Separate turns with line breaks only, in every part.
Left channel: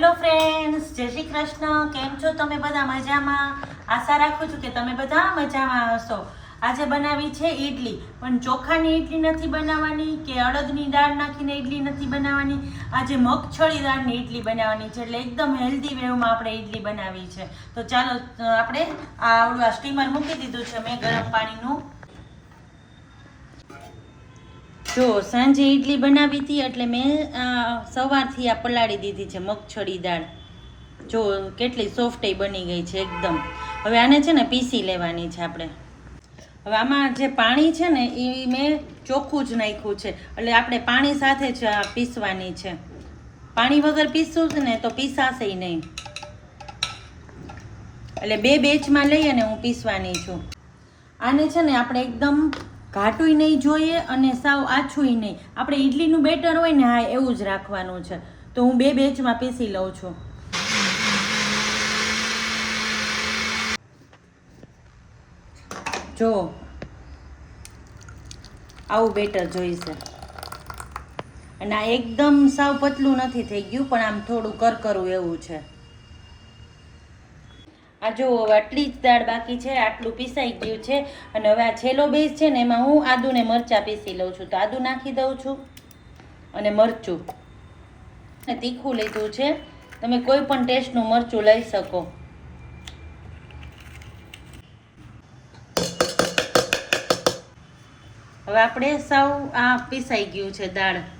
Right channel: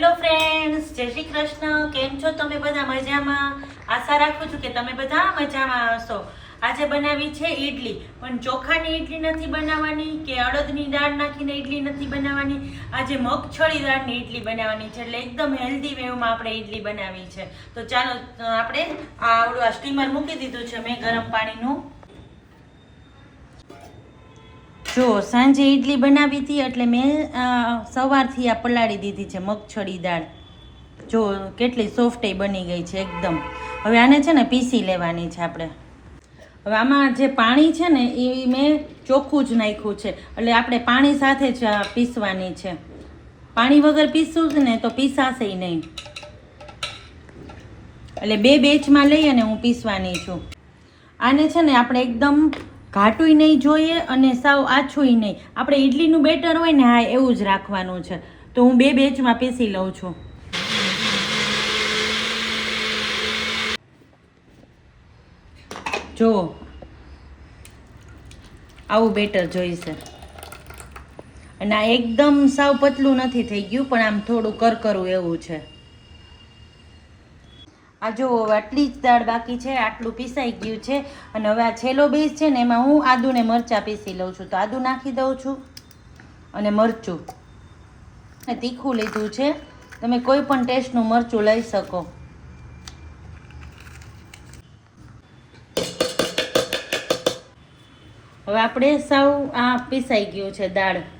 Hello friends જય શ્રી કૃષ્ણ. કેમ છો તમે બધા મજામાં? આશા રાખું છું કે તમે બધા મજામાં હશો. આજે બનાવી છે ઈડલી. પણ ચોખાની ઈડલી નથી બનાવવાની કે અડદની દાળ નાખીને ઈડલી નથી બનાવવાની? આજે મગછળી દાળની ઈડલી બનાવવાની છે. એટલે એકદમ હેલ્ધી વેવમાં આપણે ઈડલી બનાવી છે. તો ચાલો આપણે આ સ્ટીમર મૂકી દીધું છે. મેં ગરમ પાણીનું જો સાંજે ઈડલી બનાવી હતી એટલે મેં સવારથી આ પલાળી દીધી છે મગછળી દાળ. જો કેટલી સોફ્ટ બની ગઈ છે એકદમ. હવે આને છે ને પીસી લેવાની છે આપણે. હવે આમાં જે પાણી છે ને એ મેં ચોખ્ખું જ નાખ્યું છે. એટલે આપણે પાણી સાથે જ પીસવાની છે. પાણી વગર પીસશું છે ને તો પીસાશે નહીં. એટલે બે બેચમાં લઈ અને હું પીસવાની છું. આને છે ને આપણે એકદમ ઘાટુંય નહીં જોઈએ અને સાવ આછુંય નહીં. આપણે ઈડલીનું બેટર હોય ને, હા, એવું જ રાખવાનું છે. તો હું બે બેચમાં પીસી લઉં છું. જો, આવું બેટર જોઈશે. અને આ એકદમ સાવ પતલું નથી થઈ ગયું, પણ આમ થોડું કરકરું એવું છે. આ જો હવે આટલી જ દાળ બાકી છે, આટલું પીસાઈ ગયું છે, અને હવે આ છેલ્લો બેઝ છે ને એમાં હું આદુ ને મરચાં પીસી લઉં છું. તો આદુ નાખી દઉં છું અને મરચું. ને તીખું લીધું છે. તમે કોઈ પણ ટેસ્ટનું મરચું લઈ શકો. હવે આપણે સાવ આ પીસાઈ ગયું છે દાળ.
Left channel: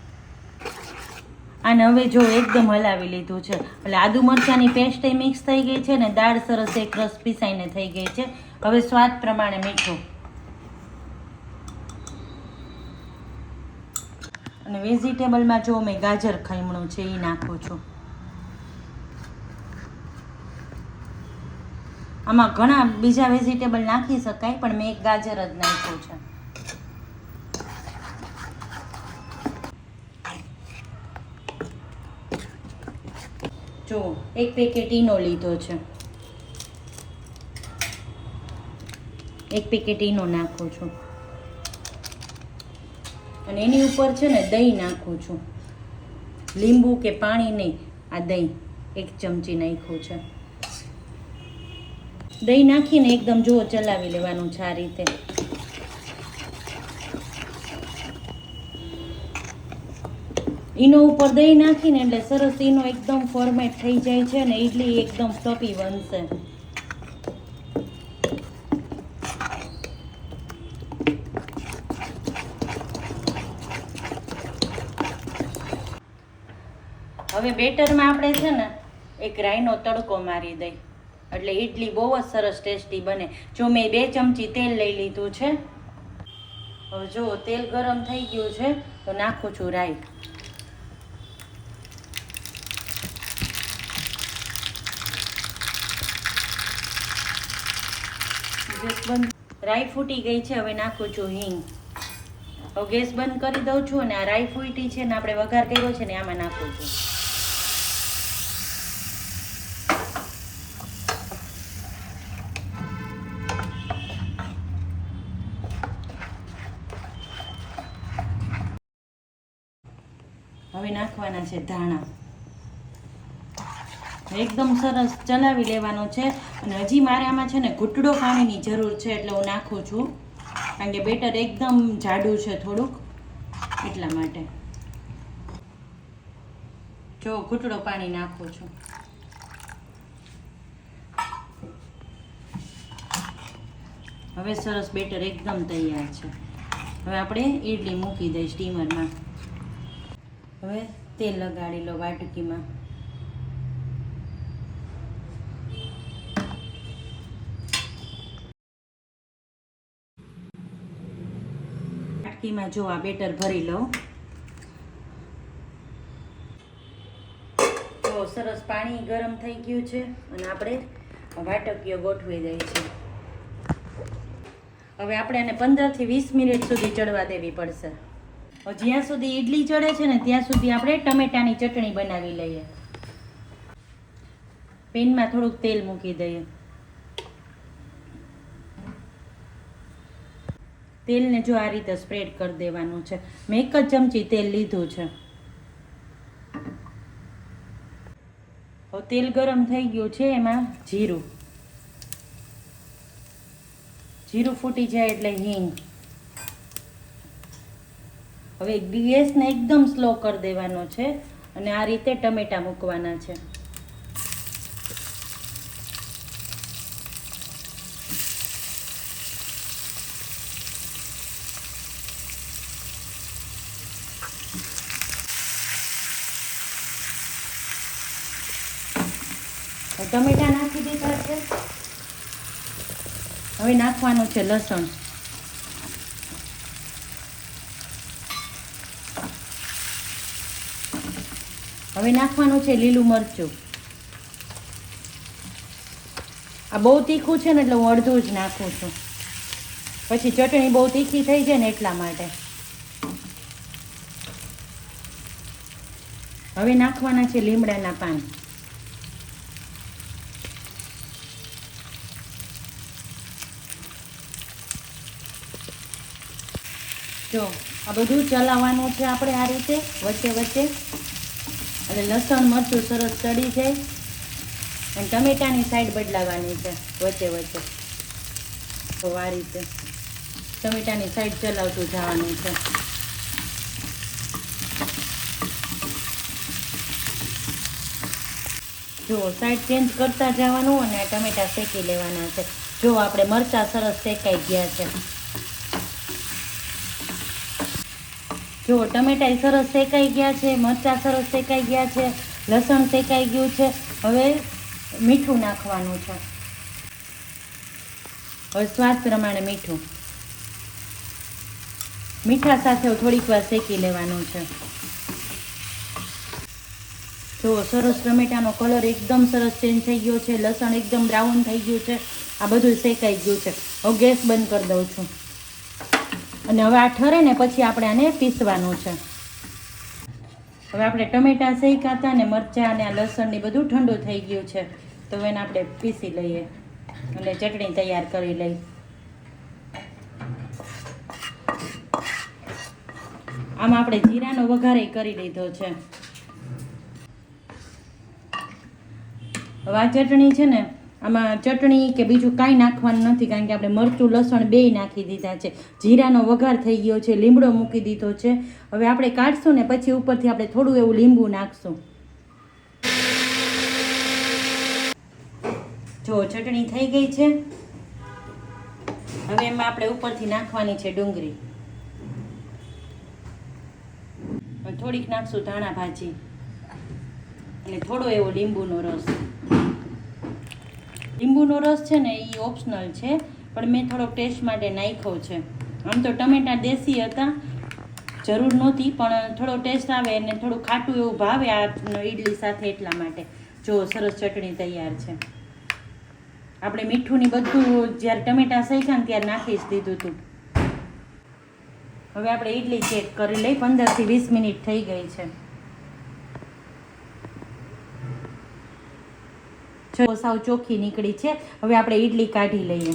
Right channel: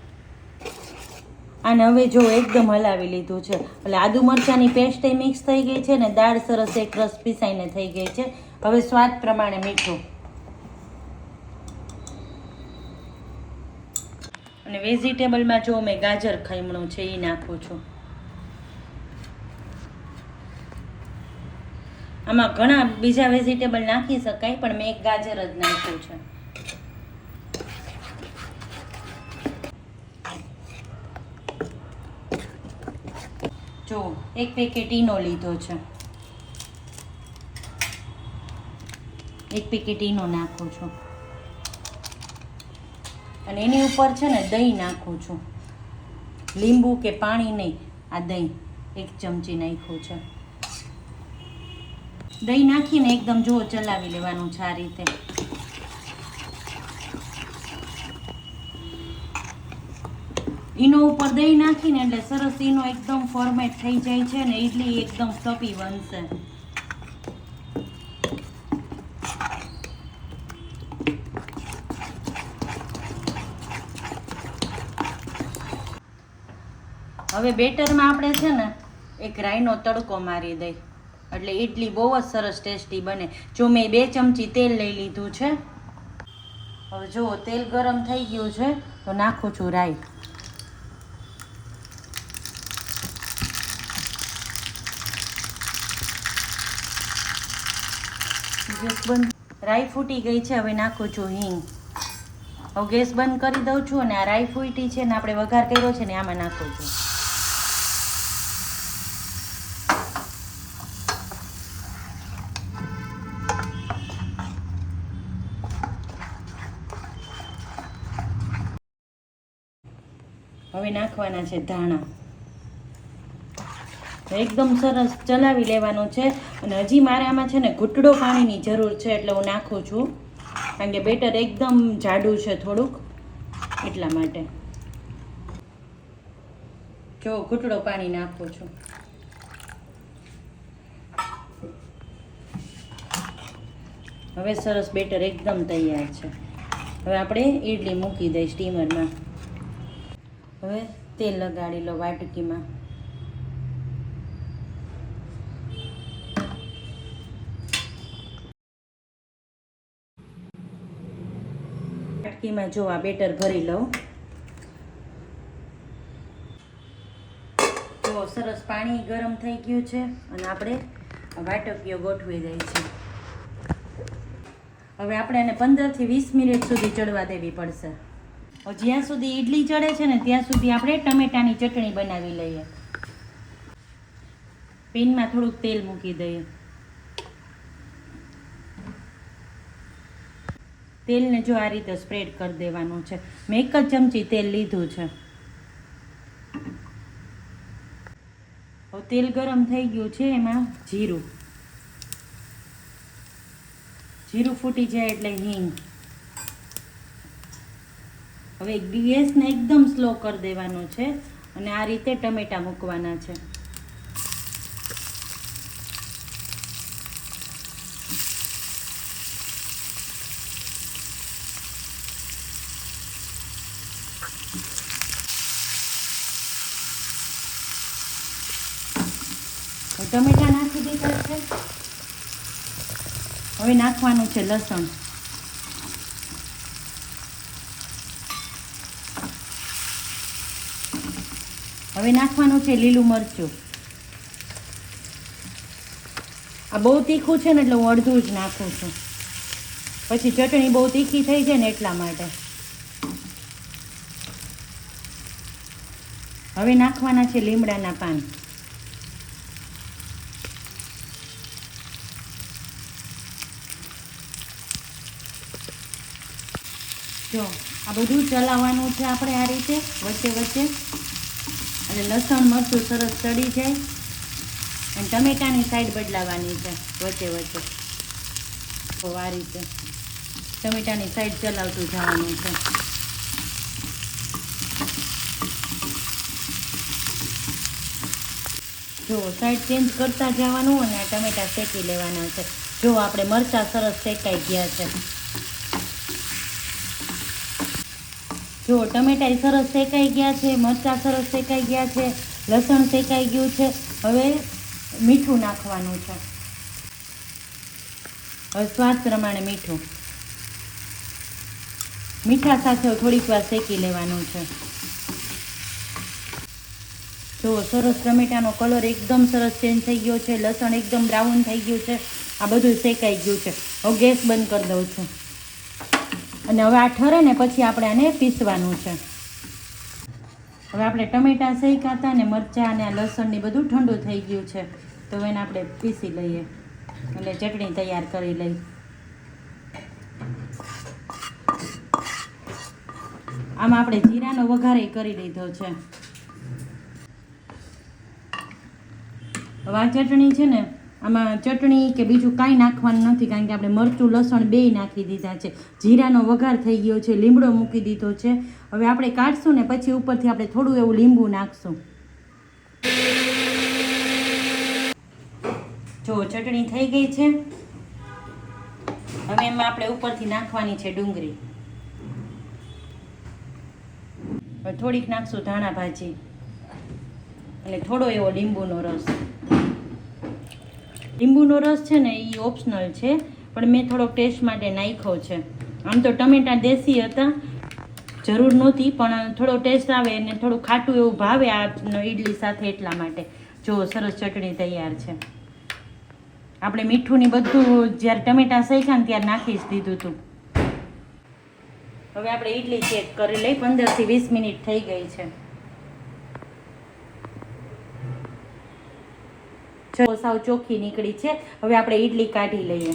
અને હવે જો એકદમ હલાવી લીધું છે. એટલે આદુ મરચાંની પેસ્ટ મિક્સ થઈ ગઈ છે ને દાળ સરસ એક રસ પીસાઈને થઈ ગઈ છે. હવે સ્વાદ પ્રમાણે મીઠું. અને વેજીટેબલમાં જો મેં ગાજર ખમણું છે એ નાખું છું. આમાં ઘણા બીજા વેજીટેબલ નાખી શકાય, પણ મેં એક ગાજર જ નાખ્યું છે. જો, એક પેકેટ ઈનો લીધો છે. એક પેકેટ ઈનો નાખું છું. અને એની ઉપર છે ને દહીં નાખું છું. લીંબુ કે પાણી નહીં, આ દહીં એક ચમચી નાખ્યું છે. દહીં નાખીને એકદમ જુઓ ચલાવી લેવાનું છે આ રીતે. ઈનો ઉપર દહીં નાખીને એટલે સરસ ઈનો એકદમ ફોર્મેટ થઈ જાય છે અને ઈડલી એકદમ તપી બનશે. હવે બેટરમાં આપણે છે ને એક રાઈનો તડકો મારી દઈ. એટલે ઈડલી બહુ જ સરસ ટેસ્ટી બને. જો મેં બે ચમચી તેલ લઈ લીધું છે. હવે જુઓ, તેલ ગરમ થઈ ગયું છે, તો નાખું છું રાઈ. ગેસ બંધ રાઈ ફૂટી ગઈ છે, હવે નાખું છું હિંગ. હવે ગેસ બંધ કરી દઉં છું અને આ રાઈ ફૂટી છે ને આપણે વઘાર કર્યો છે ને આમાં નાખું છું. હવે નાખવાના છે ધાણા. એકદમ સરસ ચલાવી લેવાનું છે. અને હજી મારે આમાં છે ને ઘૂંટડો પાણીની જરૂર છે એટલે હું નાખું છું. કારણ કે બેટર એકદમ જાડું છે થોડુંક એટલા માટે. જો ઘૂંટડો પાણી નાખું છું. હવે સરસ બેટર એકદમ તૈયાર છે. હવે આપણે ઈડલી મૂકી દઈ સ્ટીમરમાં. હવે તેલ લગાડી લો વાટકીમાં. વાટકીમાં જો આ બેટર ભરી લઉં. જો સરસ પાણી ગરમ થઈ ગયું છે અને આપણે વાટકીઓ ગોઠવી દઈ છે હવે આપણે એને પંદરથી વીસ મિનિટ સુધી ચડવા દેવી પડશે. જ્યાં સુધી ઈડલી ચડે છે ને ત્યાં સુધી આપણે ટમેટાની ચટણી બનાવી લઈએ. પેનમાં થોડુંક તેલ મૂકી દઈએ. તેલને જો આ રીતે સ્પ્રેડ કરી દેવાનું છે. મેં એક જ ચમચી તેલ લીધું છે. હવે તેલ ગરમ થઈ ગયું છે એમાં જીરું. જીરું ફૂટી જાય એટલે હિંગ. હવે ગેસને એકદમ સ્લો કરી દેવાનો છે અને આ રીતે ટમેટા મૂકવાના છે. ટમેટા નાખી દીધા છે. હવે નાખવાનું છે લસણ. હવે નાખવાનું છે લીલું મરચું. આ બહુ તીખું છે ને એટલે હું અડધું જ નાખું છું. પછી ચટણી બહુ તીખી થઈ જાય ને એટલા માટે. હવે નાખવાના છે લીમડાના પાન. જો, આ બધું ચલાવવાનું છે આપણે આ રીતે, વચ્ચે વચ્ચે. એટલે લસણ, મરચું સરસ ચડી જાય. અને ટમેટાની સાઈડ બદલાવાની છે, વચ્ચે વચ્ચે. તો આ રીતે ટમેટાની સાઈડ ચલાવતું જવાનું છે. જો સાઈડ ચેન્જ કરતા જવાનું અને ટમેટા શેકી લેવાના છે. જો, આપણે મરચાં સરસ શેકાઈ ગયા છે. જો ટમેટા સરસ શેકાઈ ગયા છે, મરચાં સરસ શેકાઈ ગયા છે, લસણ શેકાઈ ગયું છે, હવે મીઠું નાખવાનું છે. હવે સ્વાદ પ્રમાણે મીઠું. મીઠા સાથે થોડીક વાર શેકી લેવાનું છે. જો સરસ ટમેટાનો કલર એકદમ સરસ ચેન્જ થઈ ગયો છે, લસણ એકદમ બ્રાઉન થઈ ગયું છે, આ બધું શેકાઈ ગયું છે. હવે ગેસ બંધ કરી દઉં છું. અને હવે આ ઠરે ને પછી આપણે આને પીસવાનું છે. હવે આપણે ટમેટા, શેકાતા ને મરચાં અને આ લસણ ને બધું ઠંડુ થઈ ગયું છે. તો એને આપણે પીસી લઈએ. એટલે ચટણી તૈયાર કરી લઈ. આમાં આપણે જીરાનો વઘારે કરી લીધો છે. હવે આ ચટણી છે ને આમાં ચટણી કે બીજું કાંઈ નાખવાનું નથી, કારણ કે આપણે મરચું, લસણ બેય નાખી દીધા છે. જીરાનો વઘાર થઈ ગયો છે, લીમડો મૂકી દીધો છે. હવે આપણે કાઢશું ને પછી ઉપરથી આપણે થોડું એવું લીંબુ નાખશું. જો ચટણી થઈ ગઈ છે. હવે એમાં આપણે ઉપરથી નાખવાની છે ડુંગળી. થોડીક નાખશું ધાણા ભાજી. એટલે થોડો એવો લીંબુનો રસ. લીંબુનો રસ છે ને એ ઓપ્શનલ છે, પણ મેં થોડો ટેસ્ટ માટે નાખ્યો છે. આમ તો ટમેટા દેશી હતા, જરૂર નહોતી, પણ થોડો ટેસ્ટ આવે અને થોડું ખાટું એવું ભાવે આ ઈડલી સાથે એટલા માટે. જો સરસ ચટણી તૈયાર છે. આપણે મીઠું ની બધું જ્યારે ટમેટા શેક્યા ને ત્યારે નાખી જ દીધું હતું હવે આપણે ઈડલી ચેક કરી લઈ, પંદરથી વીસ મિનિટ થઈ ગઈ છે. સાવ ચોખ્ખી નીકળી છે. હવે આપણે ઈડલી કાઢી લઈએ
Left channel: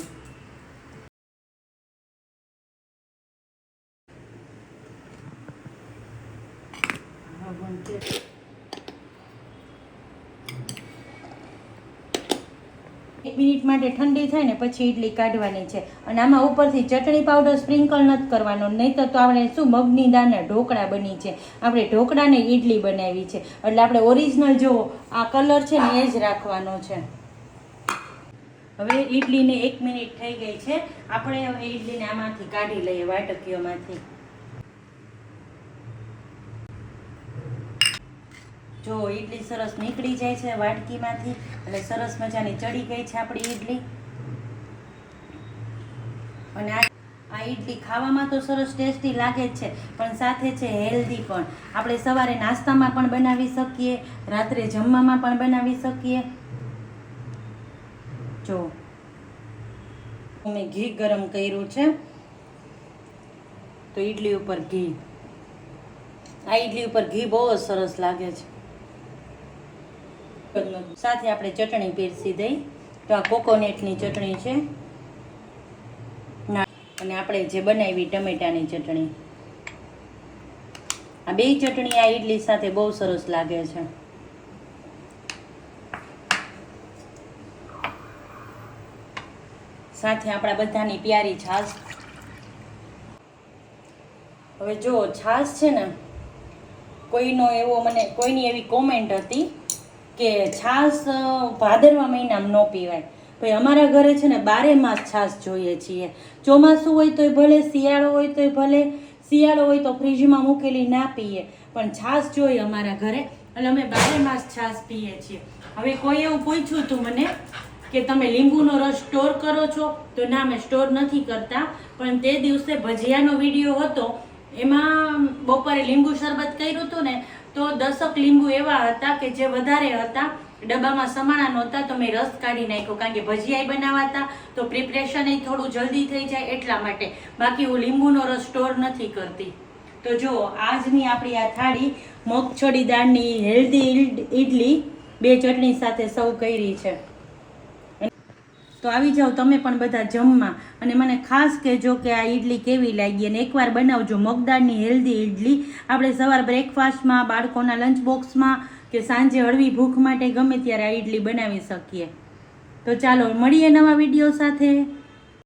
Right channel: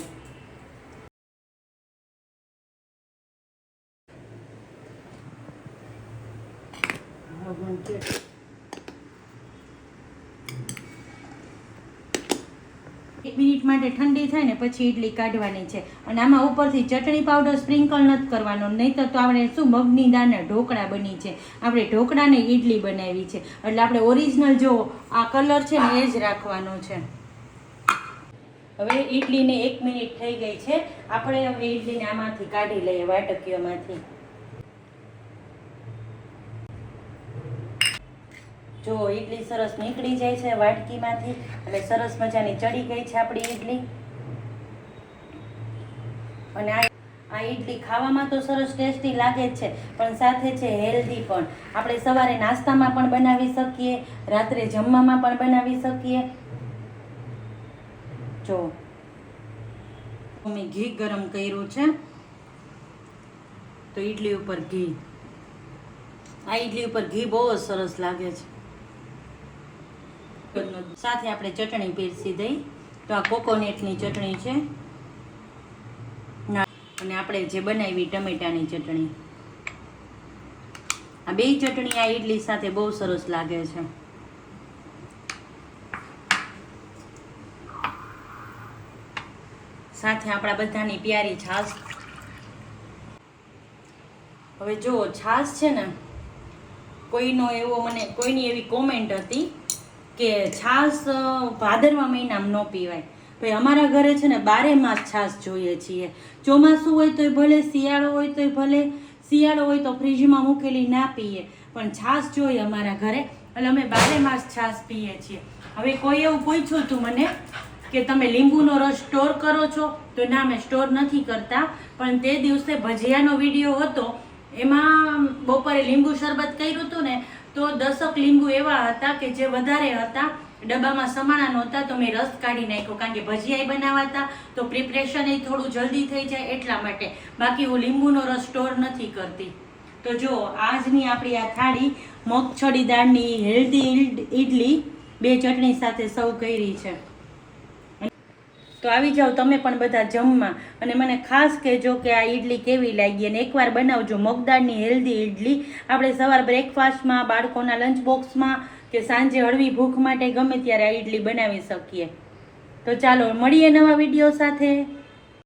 એક મિનિટ માટે ઠંડી થાય ને પછી ઈડલી કાઢવાની છે. અને આમાં ઉપરથી ચટણી પાવડર સ્પ્રિંકલ નથી કરવાનો, નહીંતર તો આપણે શું મગની દાળના ઢોકળા બની છે. આપણે ઢોકળાને ઈડલી બનાવી છે. એટલે આપણે ઓરિજિનલ જો, આ કલર છે ને એ જ રાખવાનો છે. હવે ઈડલીને એક મિનિટ થઈ ગઈ છે. આપણે હવે ઈડલીને આમાંથી કાઢી લઈએ વાટકીઓમાંથી. જો ઈડલી સરસ નીકળી જાય છે વાટકીમાંથી, એટલે સરસ મજાની ચડી ગઈ છે આપણી ઈડલી. અને આ આ ઈડલી ખાવામાં તો સરસ ટેસ્ટી લાગે જ છે, પણ સાથે છે હેલ્ધી પણ. આપણે સવારે નાસ્તામાં પણ બનાવી શકીએ, રાત્રે જમવામાં પણ બનાવી શકીએ. જો. મેં ઘી ગરમ કર્યું છે. તો ઈડલી ઉપર ઘી. આ ઈડલી ઉપર ઘી બહુ જ સરસ લાગે છે. કટકરનો સાથે આપણે ચટણી પીરસી દઈ. તો આ કોકોનેટની ચટણી છે. અને આપણે જે બનાવી ટમેટાની ચટણી. આ બે ચટણી આ ઇડલી સાથે બહુ સરસ લાગે છે. સાથે આપણા બધાની પ્યારી છાશ. હવે જો છાશ છે ને, કોઈનો એવો મને, કોઈની એવી કોમેન્ટ હતી કે છાશ ભાદરવા મહિનામાં ન પીવાય. ભાઈ અમારા ઘરે છે ને બારે માસ છાશ જોઈએ છીએ. ચોમાસું હોય તોય ભલે, શિયાળો હોય તોય ભલે, શિયાળો હોય તો ફ્રીજમાં મૂકેલી ના પીએ. પણ છાશ જોઈએ અમારા ઘરે અને અમે બારે માસ છાશ પીએ છીએ. હવે કોઈ એવું પૂછ્યું હતું મને કે તમે લીંબુનો રસ સ્ટોર કરો છો? તો ના મેં સ્ટોર નથી કરતા. પણ તે દિવસે ભજીયાનો વીડિયો હતો. એમાં બપોરે લીંબુ શરબત કર્યું હતું ને તો દસક લીંબુ એવા હતા કે જે વધારે હતા. ડબ્બામાં સમાણા નહોતા તો મેં રસ કાઢી નાખ્યો કારણ કે ભજીયાઈ બનાવવા હતા. તો પ્રિપરેશન એ થોડું જલ્દી થઈ જાય એટલા માટે. બાકી હું લીંબુનો રસ સ્ટોર નથી કરતી. તો જો, આજની આપણી આ થાળી મગછડી દાળની હેલ્ધી ઇડલી બે ચટણી સાથે સર્વ કરી છે. તો આવી જાઓ તમે પણ બધા જમવા. અને મને ખાસ કહેજો કે આ ઈડલી કેવી લાગી અને એકવાર બનાવજો મગદાળની હેલ્ધી ઈડલી. આપણે સવાર બ્રેકફાસ્ટમાં બાળકોના લંચ બોક્સમાં કે સાંજે હળવી ભૂખ માટે ગમે ત્યારે આ ઈડલી બનાવી શકીએ. તો ચાલો મળીએ નવા વીડિયો સાથે.